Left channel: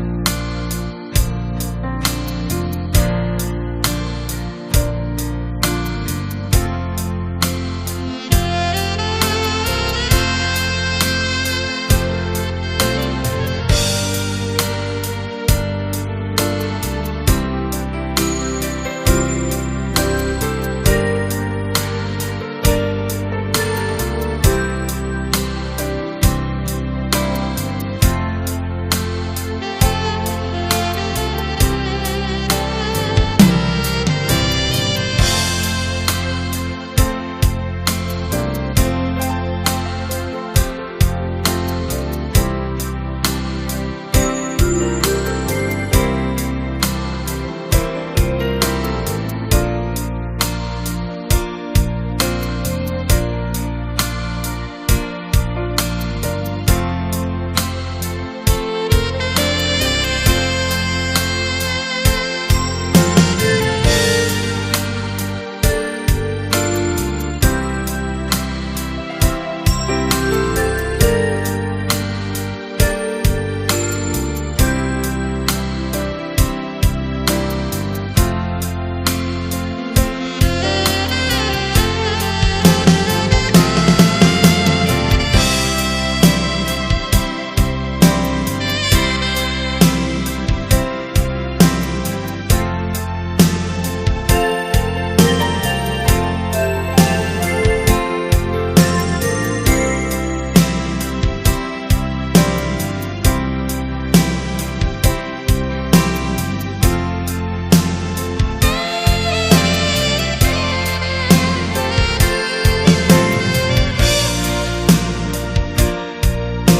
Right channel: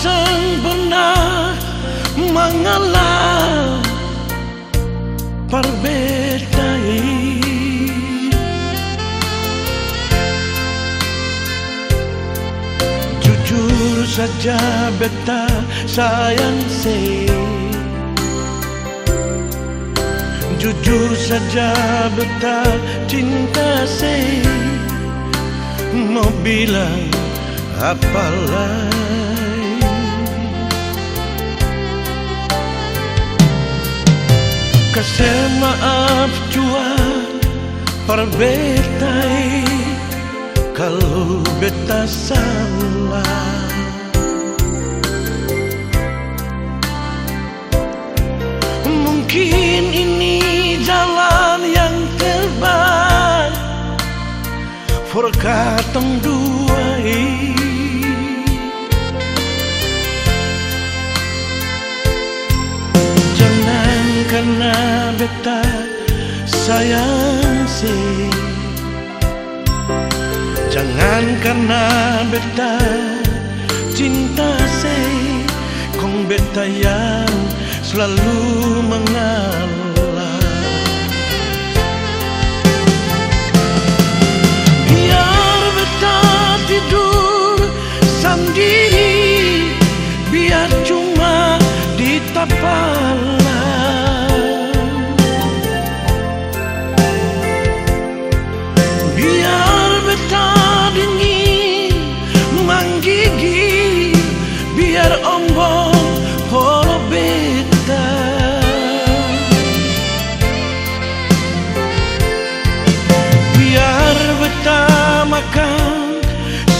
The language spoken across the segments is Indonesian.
sempurna mengalah perbedaan. Jujur saja beta sayang se, jujur saja beta cinta se, mau bilang apa lagi. Kasih maaf jua perbetai kalau beta salah. Mungkin ini jalan yang terbaik for katong dua. Jangan karena beta sayang si, jangan karena beta cinta si, kong beta yang selalu mengalah. Biar beta tidur sendiri, biar cuma di tapalan. Biar beta dingin menggigit, biar ombong horo beta. Biar beta makan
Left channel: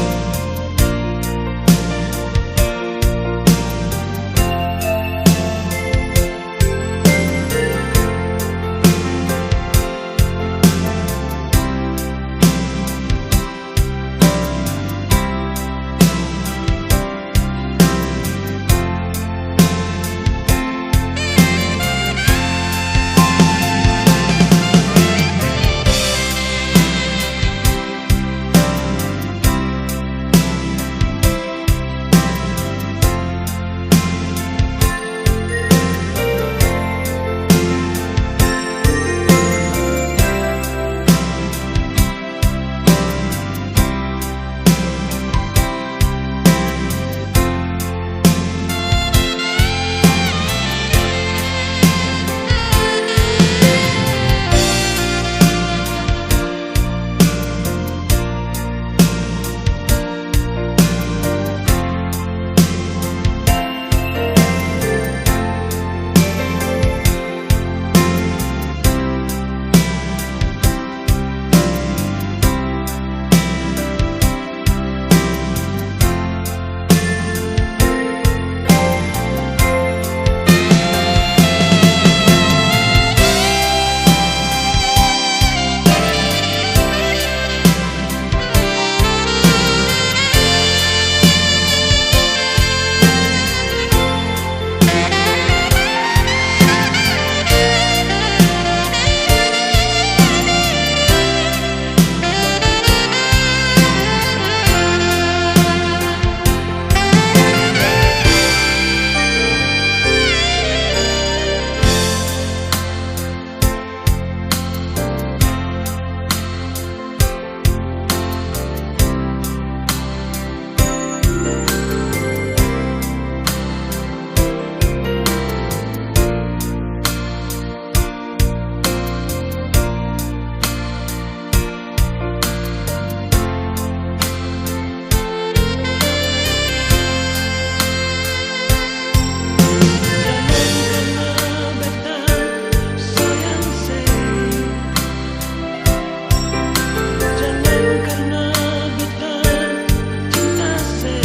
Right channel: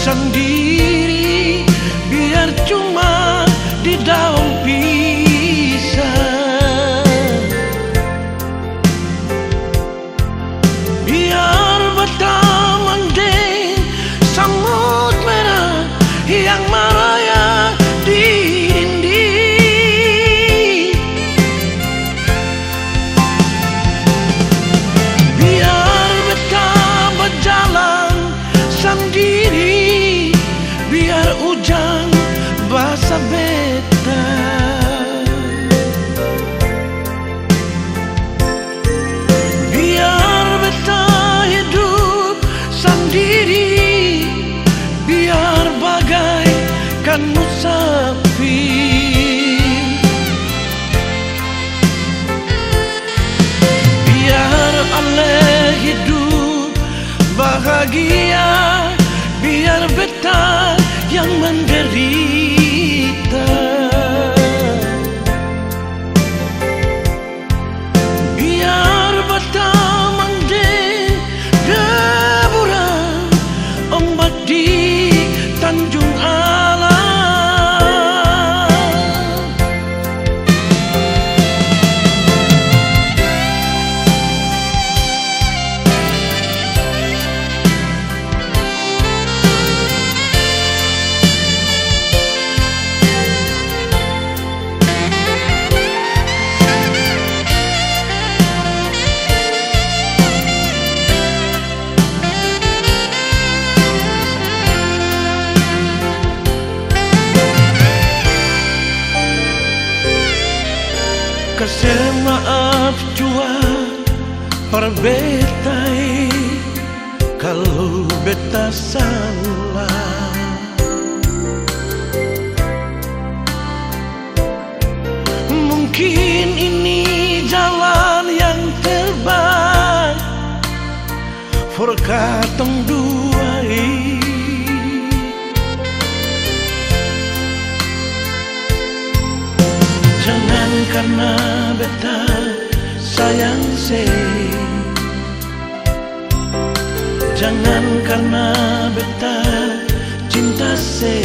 sendiri, biar cuma di daun pisang. Biar beta mending semut merah yang merayap di dinding. Biar beta berjalan sendiri, biar hujan basah beta. Biar beta hidup sendiri, biar bagaikan musafir. Biar aleh hidup bahagia, biar beta yang menderita. Biar beta mending deburan ombak di Tanjung Alam. Kasih maaf jua perbetai kalau beta salah. Mungkin ini jalan yang terbaik for katong dua. Jangan karena beta sayang se, jangan karena beta cinta se,